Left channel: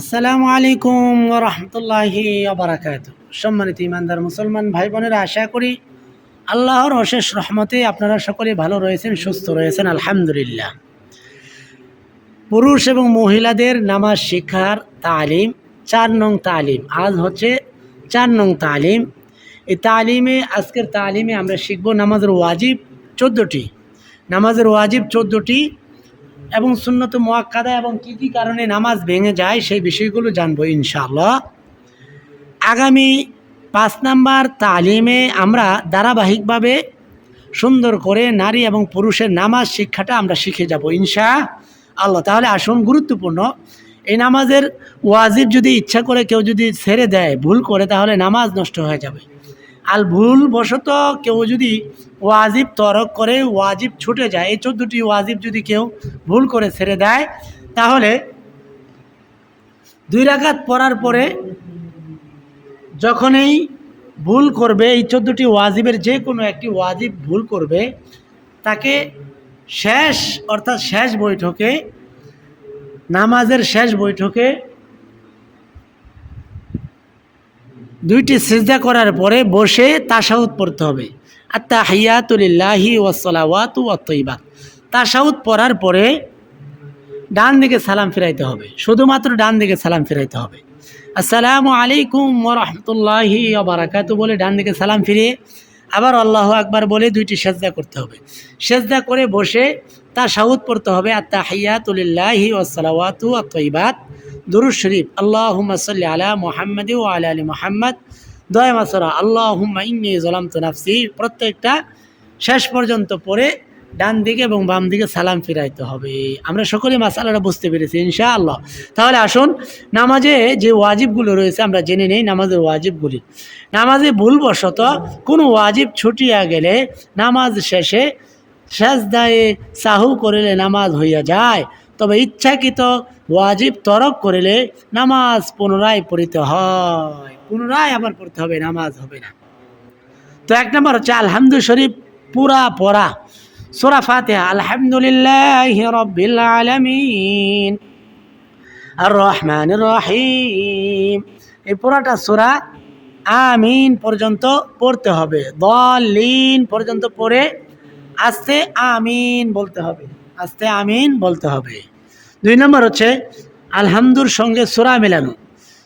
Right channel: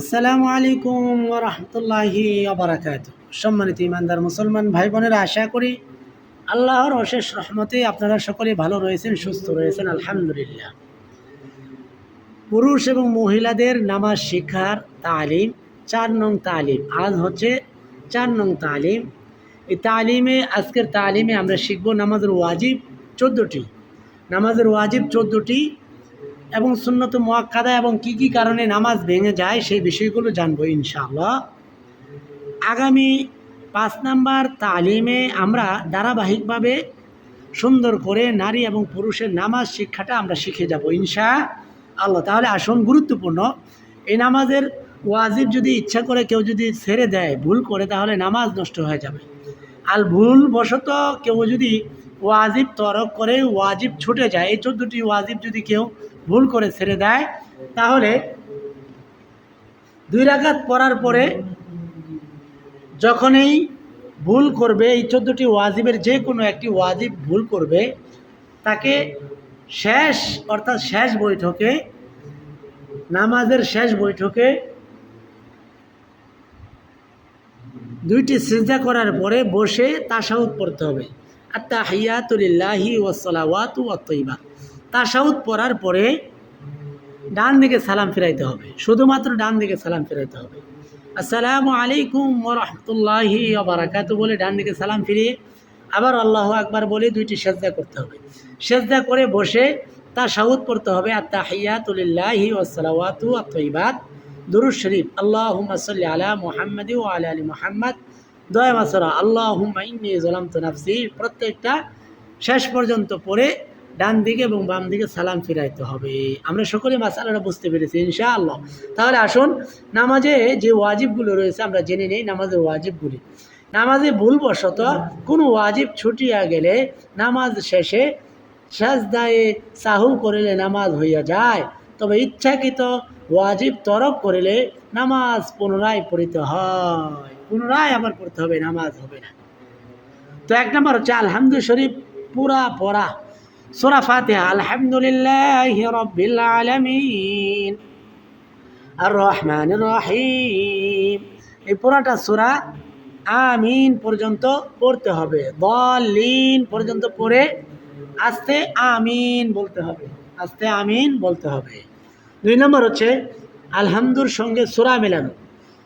আসসালামু আলাইকুম রহমতুল্লাহি আবরাকাত সম্মানিত ইমানদার মুসলমান ভাই বোনেরা, আশা করি আল্লাহর অশেষ রহমতে আপনারা সকলে ভালো রয়েছেন, সুস্থ রয়েছেন, আলহামদুলিল্লাহ। পুরুষ এবং মহিলাদের নামাজ শিক্ষার তালিম, চার নং তালিম। আজ হচ্ছে চার নং তালিম। এই তালিমে, আজকের তালিমে আমরা শিখব নামাজের ওয়াজিব চোদ্দোটি। নামাজের ওয়াজিব চোদ্দোটি এবং সুন্নত মোয়াক্কাদা এবং কি কি কারণে নামাজ ভেঙে যায় সেই বিষয়গুলো জানব ইনশাআল্লাহ। আগামী পাঁচ নাম্বার তালিমে আমরা ধারাবাহিকভাবে সুন্দর করে নারী এবং পুরুষের নামাজ শিক্ষাটা আমরা শিখে যাব ইনশা আল্লাহ তাহলে আসুন গুরুত্বপূর্ণ, এই নামাজের ওয়াজিব যদি ইচ্ছা করে কেউ যদি ছেড়ে দেয়, ভুল করে, তাহলে নামাজ নষ্ট হয়ে যাবে। আর ভুল বশত কেউ যদি ওয়াজিব তরক করে, ওয়াজিব ছুটে যায়, এই চোদ্দোটি ওয়াজিব যদি কেউ ভুল করে ছেড়ে দেয়, তাহলে দুই রাকাত পড়ার পরে যখনই ভুল করবে, এই চোদ্দোটি ওয়াজিবের যে কোনো একটি ওয়াজিব ভুল করবে, তাকে শেষ, অর্থাৎ শেষ বৈঠকে, নামাজের শেষ বৈঠকে দুইটি সেজদা করার পরে বসে তাসাউদ পড়তে হবে। আর তাহিয়াতুলিল্লাহি ওয়াসালাওয়াত ওয়াতইবাত তাসাউদ পড়ার পরে ডান দিকে সালাম ফিরাইতে হবে। শুধুমাত্র ডান দিকে সালাম ফিরাইতে হবে। আসসালামু আলাইকুম ওরহমতুল্লাহি বারাকাতু বলে ডান দিকে সালাম ফিরিয়ে আবার আল্লাহ আকবার বলে দুইটি সেজদা করতে হবে। সেজদা করে বসে তা সাউদ পড়তে হবে আর তাহিয়াতুলিল্লাহি ওয়াসালাওয়াতু আতইবাত দুরুদ শরীফ আল্লাহ সাল্লি আলা মোহাম্মদ ও আলা আলী মোহাম্মদ। দয়া মাসরা আল্লাহ ইন্নি জলাম তো নাফসি। প্রত্যেকটা শেষ পর্যন্ত পড়ে ডান দিকে এবং বাম দিকে সালাম ফিরাইতে হবে। আমরা সকলে মাসালাটা বুঝতে পেরেছি ইনশা আল্লাহ তাহলে আসুন, নামাজে যে ওয়াজিবগুলো রয়েছে আমরা জেনে নেই, নামাজের ওয়াজিবগুলি। নামাজে ভুলবশত কোনো ওয়াজিব ছুটিয়া গেলে নামাজ শেষে সেজদায়ে সাহু করিলে নামাজ হইয়া যায়, তবে ইচ্ছাকৃত ওয়াজিব তরক করিলে নামাজ পুনরায় পড়িতে হয়। পুনরায় আবার পড়তে হবে, নামাজ হবে না। তো এক নম্বর হচ্ছে আলহামদু শরীফ পুরা পড়া। সোরা ফাতেহা, আলহামদুলিল্লাহ রব্বিল আলামিন। আর রহমান রহিম এই পুরাটা সোরা আমিন পর্যন্ত পড়তে হবে দলিন পর্যন্ত পড়ে আস্তে আমিন বলতে হবে, আস্তে আমিন বলতে হবে। দুই নম্বর হচ্ছে, আলহামদুর সঙ্গে সোরা মেলানো।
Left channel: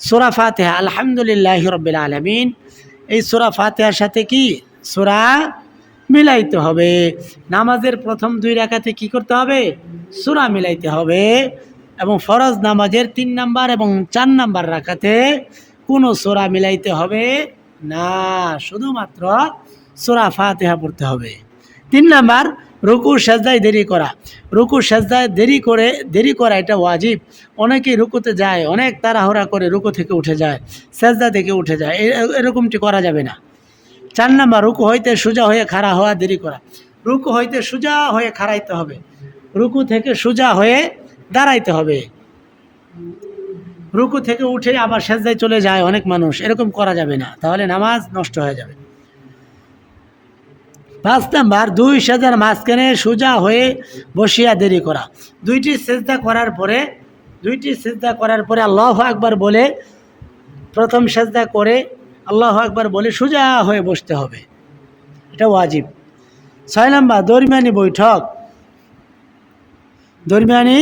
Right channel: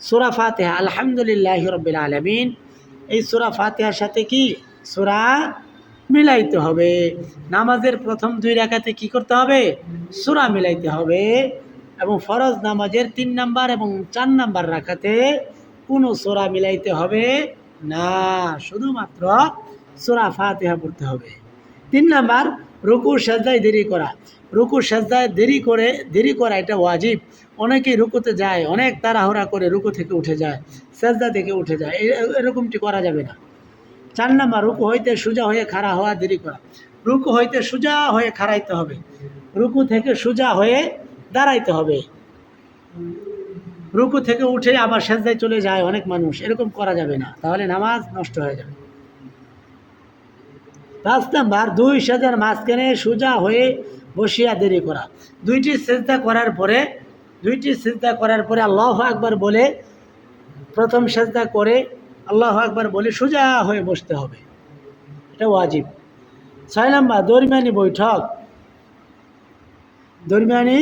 সোরা ফাতেহা, আলহামদুলিল্লাহ রব্বিল আলমিন। এই সোরা ফাতেহার সাথে কি? সোরা মিলাইতে হবে। নামাজের প্রথম দুই রাকাতে কি করতে হবে? সোরা মিলাইতে হবে এবং ফরজ নামাজের তিন নাম্বার এবং চার নাম্বার রাখাতে কোনো সোরা মিলাইতে হবে না। শুধুমাত্র সোরা ফাতেহা পড়তে হবে। তিন নাম্বার রুকু সাজদায় দেরি করা। রুকু সাজদায় দেরি করে, দেরি করা এটা ওয়াজিব। অনেকেই রুকুতে যায়, অনেক তাড়াহুড়া করে রুকু থেকে উঠে যায়, সাজদা থেকে উঠে যায় এরকমটি করা যাবে না। চার নাম্বার, রুকু হইতে সোজা হয়ে খাড়া হওয়া, দেরি করা। রুকু হইতে সোজা হয়ে খাড়াইতে হবে। রুকু থেকে সোজা হয়ে দাঁড়াইতে হবে। রুকু থেকে উঠে আবার সেজদায় চলে যায় অনেক মানুষ, এরকম করা যাবে না। তাহলে নামাজ নষ্ট হয়ে যাবে। পাঁচ নাম্বার, দুই সাজার মাঝখানে সোজা হয়ে বসিয়া দেরি করা। দুইটি সেজদা করার পরে, দুইটি সেজদা করার পরে আল্লাহ একবার বলে প্রথম সেজদা করে আল্লাহ একবার বলে সোজা হয়ে বসতে হবে। এটা ওয়াজিব। ছয় নাম্বার দরমিয়ানি বৈঠক। দরমিয়ানি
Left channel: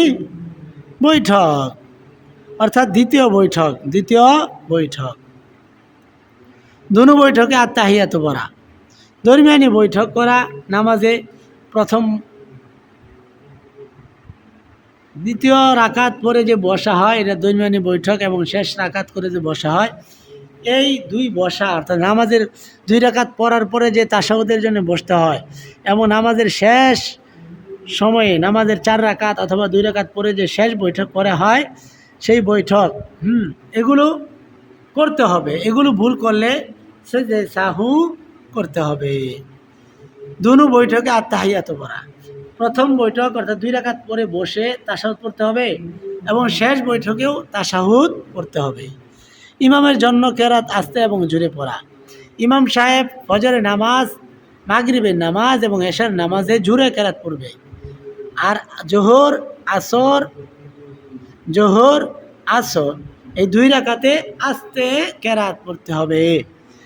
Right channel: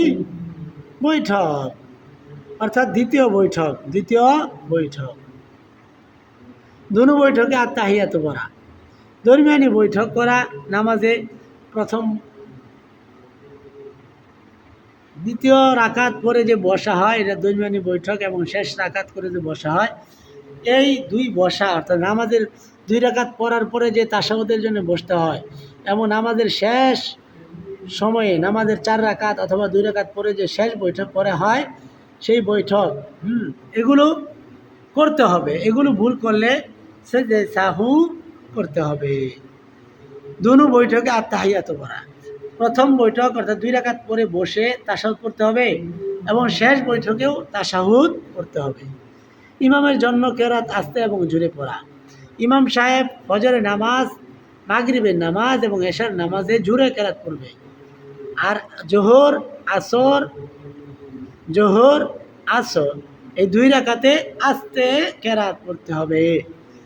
বৈঠক। অর্থাৎ দ্বিতীয় বৈঠক দ্বিতীয় বৈঠক। দুনো বৈঠকে আর তাহিয়াত পড়া দরমিয়ানি বৈঠক করা, নামাজে প্রথম দ্বিতীয় রাকাত পরে যে বসা হয়, এটা দরমিয়ানি বৈঠক এবং শেষ রাকাত করে যে বসা হয়, এই দুই বসা, অর্থাৎ নামাজের দুই রাকাত পড়ার পরে যে তাসাউদের জন্য বসতে হয় এবং নামাজের শেষ সময়ে, নামাজের চার রাকাত অথবা দুই রাকাত পরে যে শেষ বৈঠক করা হয়, সেই বৈঠক, হুম, এগুলো করতে হবে। এগুলো ভুল করলে সে যে সাহু করতে হবে। দুনু বৈঠকে আর তাহিয়াত করা প্রথম বৈঠক অর্থাৎ দুই রাকাত পরে বসে তাসাহুদ পড়তে হবে এবং শেষ বৈঠকেও তাসাহুদ পড়তে হবে। ইমামের জন্য কেরাত, আস্তে এবং জুড়ে পড়া। ইমাম সাহেব ফজরের নামাজ, মাগরিবের নামাজ এবং এশার নামাজে জুড়ে কেরাত পড়বে। আর জোহর, আসর জোহর, আসর, এই দুই রাকাতে আস্তে কেরাত পড়তে হবে।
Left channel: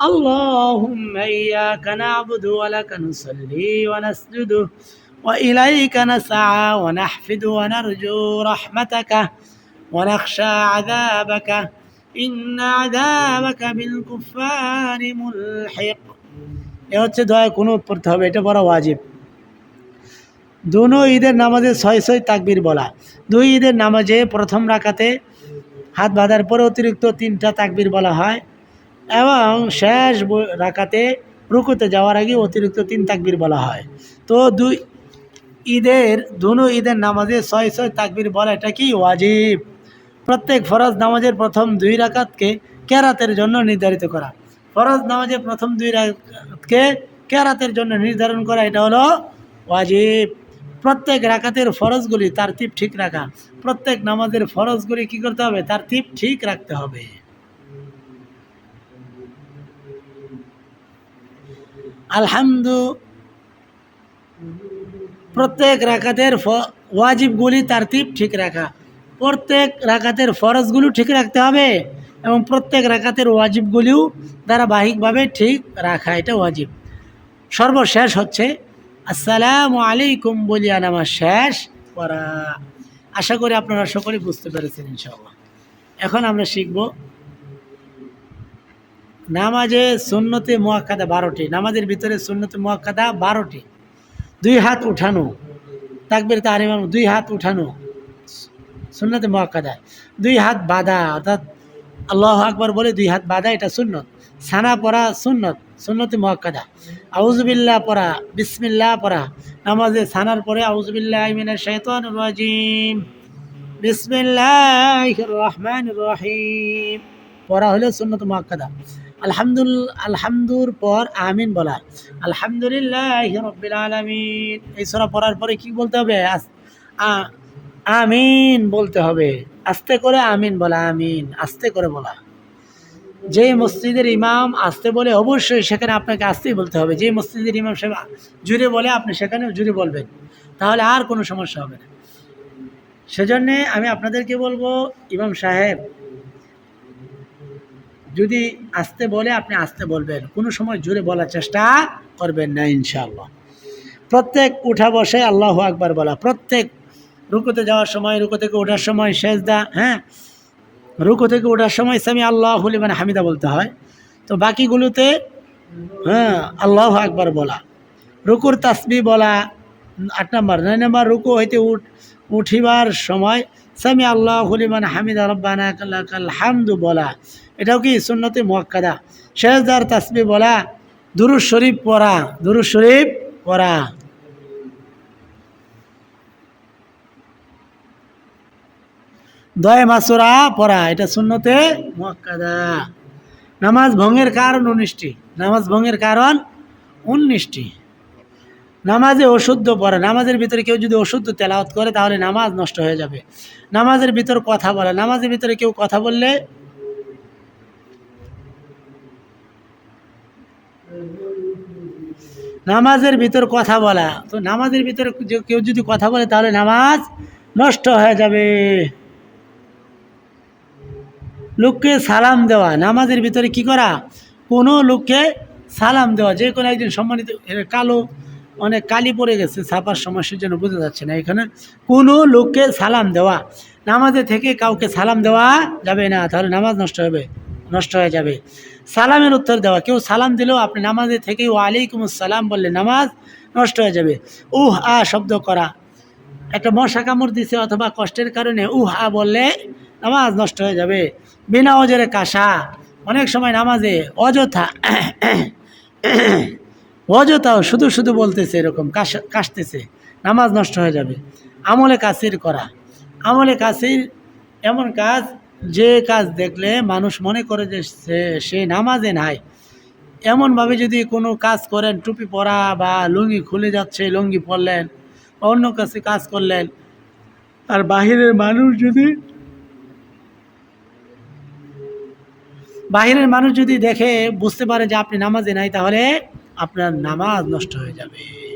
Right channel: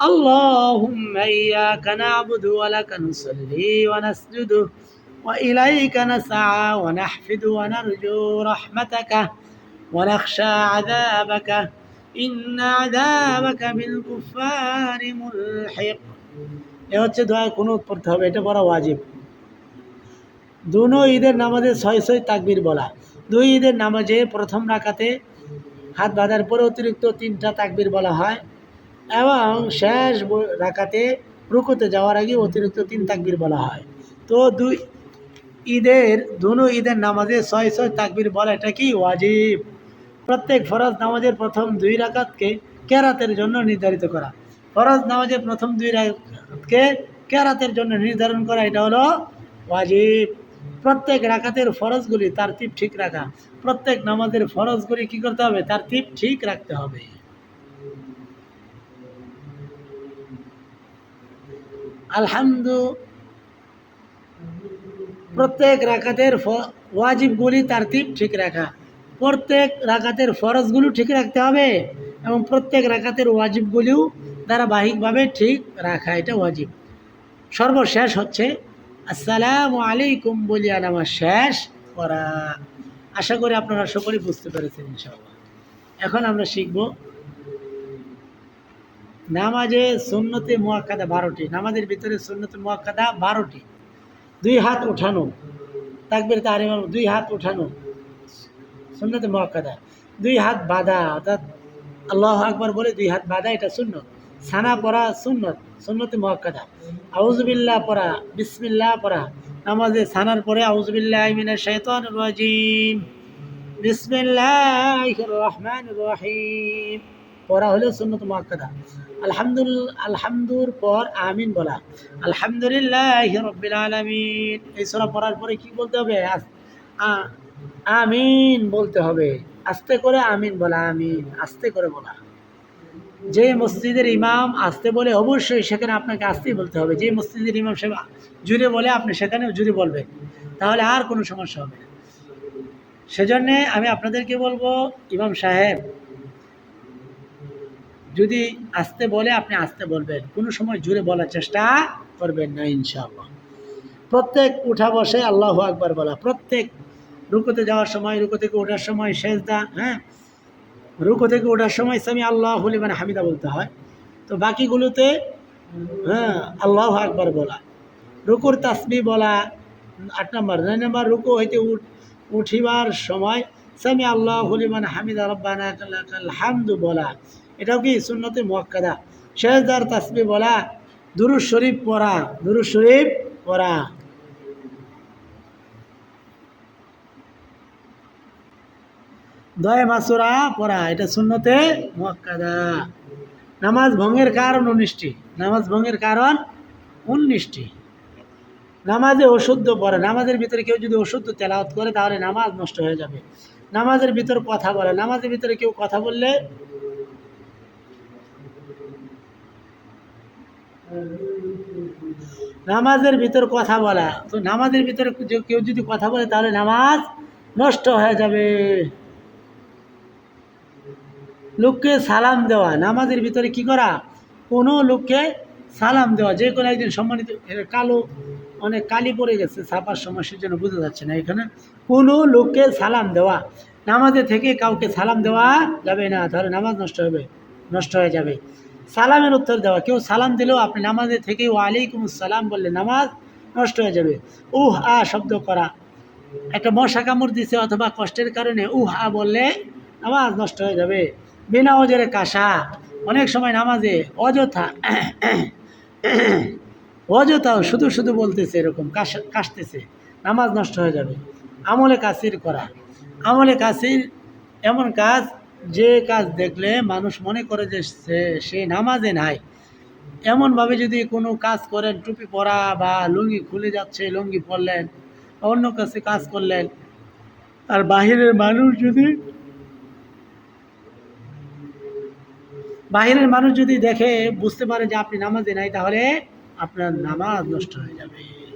اللهم إياك نعبد ولك نصلي ونسجد وإليك نسعى ونحفد ونرجو رحمتك ونخشى عذابك إن عذابك بالكفار ملحق এ হচ্ছে দয়া কুনুত পড়তে হবে এটা বড় ওয়াজিব দুনো ঈদের নামাজে ছয় ছয় তাকবির বলা দুই ঈদের নামাজে প্রথম রাকাতে হাত বাঁধার পরে অতিরিক্ত তিনটা তাকবির বলা হয় এবং শেষ রাকাতে রুকুতে যাওয়ার আগে অতিরিক্ত তিন তাকবির বলা হয়। তো দুই ঈদের, দুনো ঈদের নামাজে ছয় ছয় তাকবির বলা এটা কি? ওয়াজিব। প্রত্যেক ফরজ নামাজের প্রথম দুই রাকাতকে কেরাতের জন্য নির্ধারিত করা। ফরজ নামাজের প্রথম দুই রাকাতকে কেরাতের জন্য নির্ধারণ করা, এটা হলো ওয়াজিব। প্রত্যেক রাকাতের ফরজগুলি তার ঠিক রাখা। প্রত্যেক নামাজের ফরজগুলি কি করতে হবে? তার ঠিক রাখতে হবে। আলহামদু। প্রত্যেক রাকাতের ওয়াজিবগুলি তার তিপ ঠিক রাখা। প্রত্যেক রাকাতের ফরজগুলো ঠিক রাখতে হবে এবং প্রত্যেক রাকাতের ওয়াজিবগুলিও ধারাবাহিকভাবে ঠিক রাখা, এটা ওয়াজিব। সর্বশেষ হচ্ছে, আসসালামু আলাইকুম বলিয়া নামাজ শেষ করা। আশা করি আপনারা সকলেই বুঝতে পেরেছেন ইনশাআল্লাহ। এখন আমরা শিখব নামাজে সুন্নতে মোয়াক্কাদা বারোটি, নামাজের ভিতরে সুন্নতে মোয়াক্কাদা বারোটি। দুই হাত উঠানো, তাকবির তাহারিমাম দুই হাত উঠানো, সুন্নতে মোয়াক্কাদা। দুই হাত বাঁধা, অর্থাৎ আল্লাহ আকবর বলে দুই হাত বাঁধা, এটা সুন্নত। সানা পড়া সুন্নত, সুন্নতে মোয়াক্কাদা। আউজবিল্লা পড়া, বিসমিল্লাহ পড়া। নামাজে সানার পরে আউজবিল্লাহ মিনা রাজিম। বিসমিল্লাহ রহমান রহিম। পড়া হলো সুন্নত মোয়াক্কাদা। আলহামদুল, আলহামদুর পর আমিন বলা। আলহামদুলিল্লাহ রব্বিল আলামিন। এই সূরা পড়ার পরে কি বলতে হবে? আমিন বলতে হবে। আস্তে করে আমিন বলা, আমিন। আস্তে করে বলা। যে মসজিদের ইমাম আসতে বলে অবশ্যই সেখানে আপনাকে আসতেই বলতে হবে। যে মসজিদের ইমাম সাহেব জুড়ে বলে, আপনি সেখানে জুড়ে বলবেন। তাহলে আর কোনো সমস্যা হবে না। সেজন্যে আমি আপনাদেরকে বলব, ইমাম সাহেব যদি আসতে বলে, আপনি আসতে বলবেন। কোনো সময় জুড়ে বলার চেষ্টা করবেন না, ইনশাআল্লাহ। প্রত্যেক উঠা বসে আল্লাহ আকবার বলা। প্রত্যেক রুকুতে যাওয়ার সময়, রুকু থেকে ওঠার সময় সেজদা হ্যাঁ? রুকু থেকে ওঠার সময় সামি আল্লাহ মানে হামিদা বলতে হয়। তো বাকিগুলোতে হ্যাঁ আল্লাহ আকবার বলা। রুকুর তাসবি বলা, আট নম্বর। নয় নম্বর, রুকু হইতে উঠ, উঠিবার সময় সামি আল্লাহ হুলিমান হামিদা কাল হামদু বলা। এটাও কি সুন্নতে মোয়াক্কাদা? শেষদার তাসবি বলা দুরুজ শরীফ পড়া দুরুজ শরীফ পড়া। দয় মাসুরা পড়া, এটা সুন্নতে মোয়াক্কাদা। নামাজ ভঙ্গের কারণ উনিশটি। নামাজ ভঙ্গের কারণ উনিশটি। নামাজে অশুদ্ধ পড়ে। নামাজের ভিতরে কেউ যদি অশুদ্ধ তেলাওয়াত করে, তাহলে নামাজ নষ্ট হয়ে যাবে। নামাজের ভিতর কথা বলে। নামাজের ভিতরে কেউ কথা বললে নামাজের ভিতর কথা বলা। তো নামাজের ভিতরে কেউ যদি কথা বলে, তাহলে নামাজ নষ্ট হয়ে যাবে। লোককে সালাম দেওয়া, নামাজের ভিতরে কি করা? কোনো লোককে সালাম দেওয়া। যে কোনো একজন সম্মানিত কালো, অনেক কালি পড়ে গেছে, ছাপার সমস্যার জন্য বোঝা যাচ্ছে না এখানে। কোনো লোককে সালাম দেওয়া। নামাজে থেকে কাউকে সালাম দেওয়া যাবে না, তাহলে নামাজ নষ্ট হবে, নষ্ট হয়ে যাবে। সালামের উত্তর দেওয়া। কেউ সালাম দিলেও আপনি নামাজে থেকে ওয়ালাইকুম সালাম বললে নামাজ নষ্ট হয়ে যাবে। উহ, আ শব্দ করা। একটা মশা কামড় দিছে অথবা কষ্টের কারণে উহ, আ বললে নামাজ নষ্ট হয়ে যাবে। বিনা অজরে কাশা। অনেক সময় নামাজে অযথা অযথাও শুধু শুধু বলতেছে এরকম, কাশ, কাশতেছে। নামাজ নষ্ট হয়ে যাবে। আমলে কাসির করা। আমলে কাসির এমন কাজ যে কাজ দেখলে মানুষ মনে করে যে সে নামাজে নাই। এমনভাবে যদি কোনো কাজ করেন, টুপি পরা বা লুঙ্গি খুলে যাচ্ছে, লুঙ্গি পরলেন, অন্য কাছে কাজ করলেন, আর বাহিরের মানুষ যদি, বাহিরের মানুষ যদি দেখে, বুঝতে পারে যে আপনি নামাজে নাই, তাহলে আপনার নামাজ নষ্ট হয়ে যাবে।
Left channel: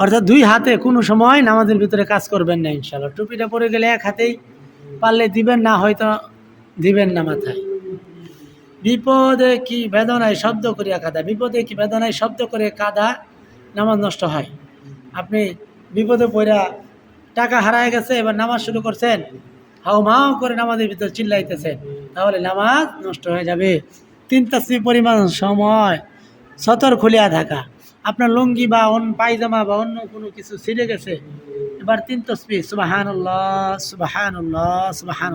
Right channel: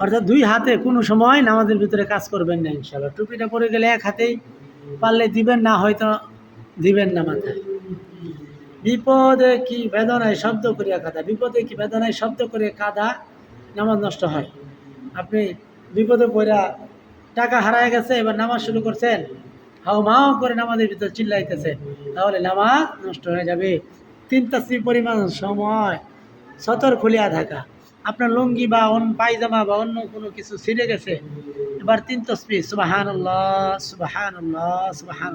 অর্থাৎ দুই হাতে কোনো সময় নামাজের ভিতরে কাজ করবেন না ইনশাল্লাহ টুপিটা পরে গেলে এক হাতেই পারলে দিবেন, না হয়তো দিবেন না মাথায়। বিপদে কি বেদনায় শব্দ করিয়া কাদা, বিপদে কি বেদনায় শব্দ করে কাদা, নামাজ নষ্ট হয়। আপনি বিপদে পড়া টাকা হারায় গেছে, এবার নামাজ শুরু করছেন, হাও মাও করে নামাজের ভিতরে চিল্লাইতেছেন, তাহলে নামাজ নষ্ট হয়ে যাবে। তিন তাসবি পরিমাণ সময় সতর খুলিয়া থাকা। আপনার লুঙ্গি বা অন্য পায়জামা বা অন্য কোনো কিছু ছিঁড়ে গেছে, এবার তিন তসবি সুবাহান সুবাহান সুবাহান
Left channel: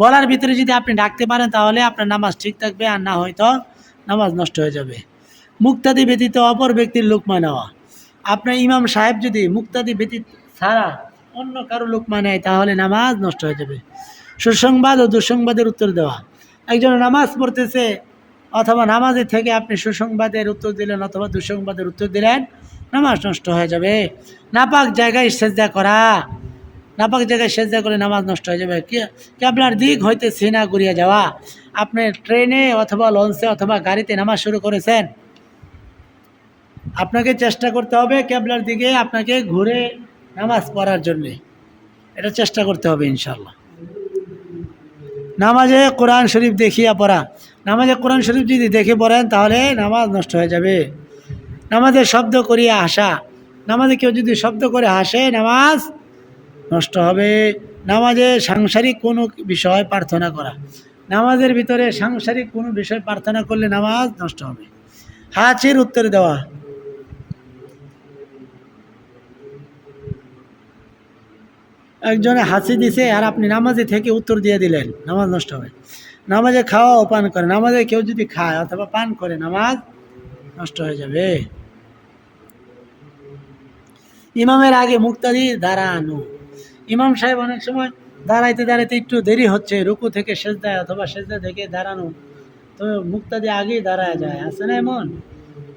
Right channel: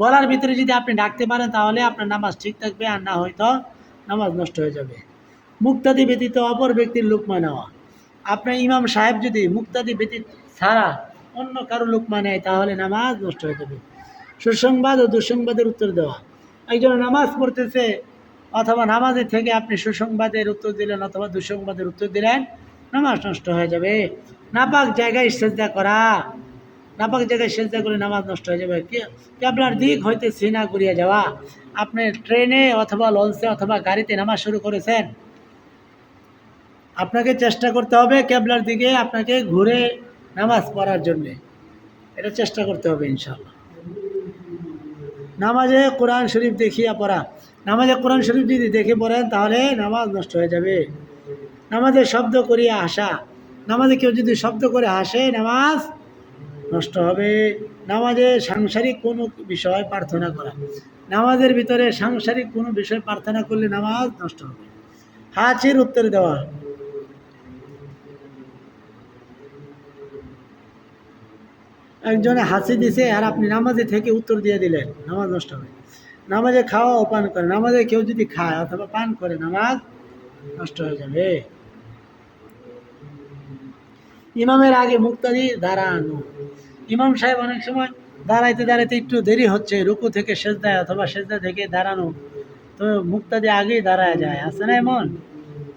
বলার ভিতরে যদি আপনি ডাকতে পারেন, তাহলে আপনার নামাজ ঠিক থাকবে, আর না হয়তো নামাজ নষ্ট হয়ে যাবে। মুক্তাদি ব্যতীত অপর ব্যক্তির লোকমা নেওয়া আপনার ইমাম সাহেব যদি মুক্তাদি ব্যতীত ছাড়া অন্য কারও লোকমা নেয়, তাহলে নামাজ নষ্ট হয়ে যাবে। সুসংবাদ ও দুঃসংবাদের উত্তর দেওয়া। একজন নামাজ পড়তেছে অথবা নামাজে থেকে আপনি সুসংবাদের উত্তর দিলেন অথবা দুঃসংবাদের উত্তর দিলেন, নামাজ নষ্ট হয়ে যাবে। নাপাক জায়গায় সেজদা করা, নাপাক জায়গায় সেজদা করে নামাজ নষ্ট হয়ে যাবে। কি আপনার দিক হইতে সিনা ঘুরিয়ে যাওয়া, আপনি ট্রেনে অথবা লঞ্চে অথবা গাড়িতে নামাজ শুরু করেছেন, আপনাকে চেষ্টা করতে হবে ক্যাবলার দিকে আপনাকে ঘুরে নামাজ পড়ার জন্যে। এটা চেষ্টা করতে হবে ইনশাল্লাহ নামাজে কোরআন শরীফ দেখিয়া পড়া নামাজে কোরআন শরীফ যদি দেখে পড়েন, তাহলে নামাজ নষ্ট হয়ে যাবে। নামাজে শব্দ করিয়া হাসা নামাজে কেউ যদি শব্দ করে হাসে, নামাজ নষ্ট হবে। নামাজে সাংসারিক কোনো বিষয় প্রার্থনা করা। নামাজের ভিতরে সাংসারিক কোনো বিষয় প্রার্থনা করলে নামাজ নষ্ট হবে। হাঁচির উত্তর দেওয়া। একজনে হাসি দিছে আর আপনি নামাজে থেকে উত্তর দিয়ে দিলেন। নামাজ নষ্ট হবে। নামাজে খাওয়া ও পান করে নামাজে কেউ যদি খায় অথবা পান করে, নামাজ নষ্ট হয়ে যাবে। ইমামের আগে মুক্তাদি দাঁড়ানো। ইমাম সাহেব অনেক সময় দাঁড়াইতে দাঁড়াইতে একটু দেরি হচ্ছে, রুকু থেকে সেজদায় অথবা সেজদা থেকে দাঁড়ানো। তো মুক্তাদি আগেই দাঁড়ায় যায়। আছে না এমন?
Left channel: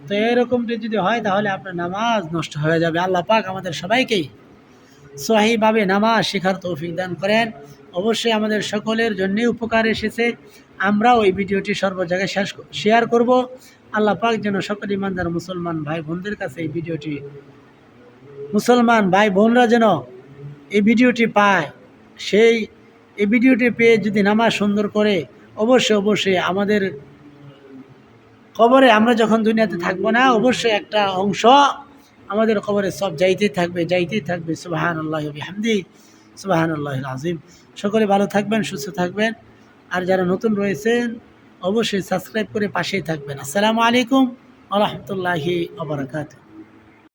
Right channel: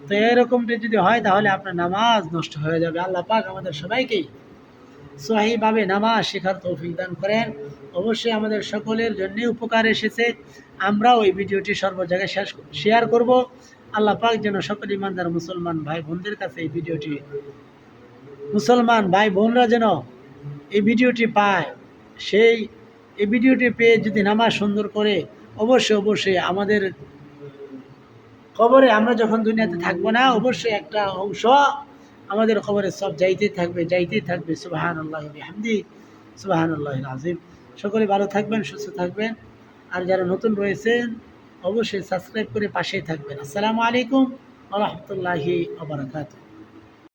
তো এরকমটি যদি হয় তাহলে আপনার নামাজ নষ্ট হয়ে যাবে। আল্লাহ পাক আমাদের সবাইকেই সহিভাবে নামাজ শেখার তৌফিক দান করেন। অবশ্যই আমাদের সকলের জন্যই উপকার এসেছে। আমরাও ওই ভিডিওটি সর্ব জায়গায় শেষ শেয়ার করব। আল্লাহ পাক যেন সকল ইমানদার মুসলমান ভাই বোনদের কাছে এই ভিডিওটি, মুসলমান ভাই বোনরা যেন এই ভিডিওটি পায়। সেই, এই ভিডিওটি পেয়ে যদি নামাজ সুন্দর করে, অবশ্যই অবশ্যই আমাদের খবরে আমরা যখন দুনিয়াতে থাকব না, অবশ্যই একটা অংশ আমাদের খবরে সব যাইতেই থাকবে যাইতেই থাকবে। সুবাহান আল্লাহ হামদি সুবাহান আল্লাহ আজিম সকলে ভালো থাকবেন, সুস্থ থাকবেন। আর যারা নতুন রয়েছেন, অবশ্যই সাবস্ক্রাইব করে পাশেই থাকবেন। আসসালামু আলাইকুম আ আবরকাত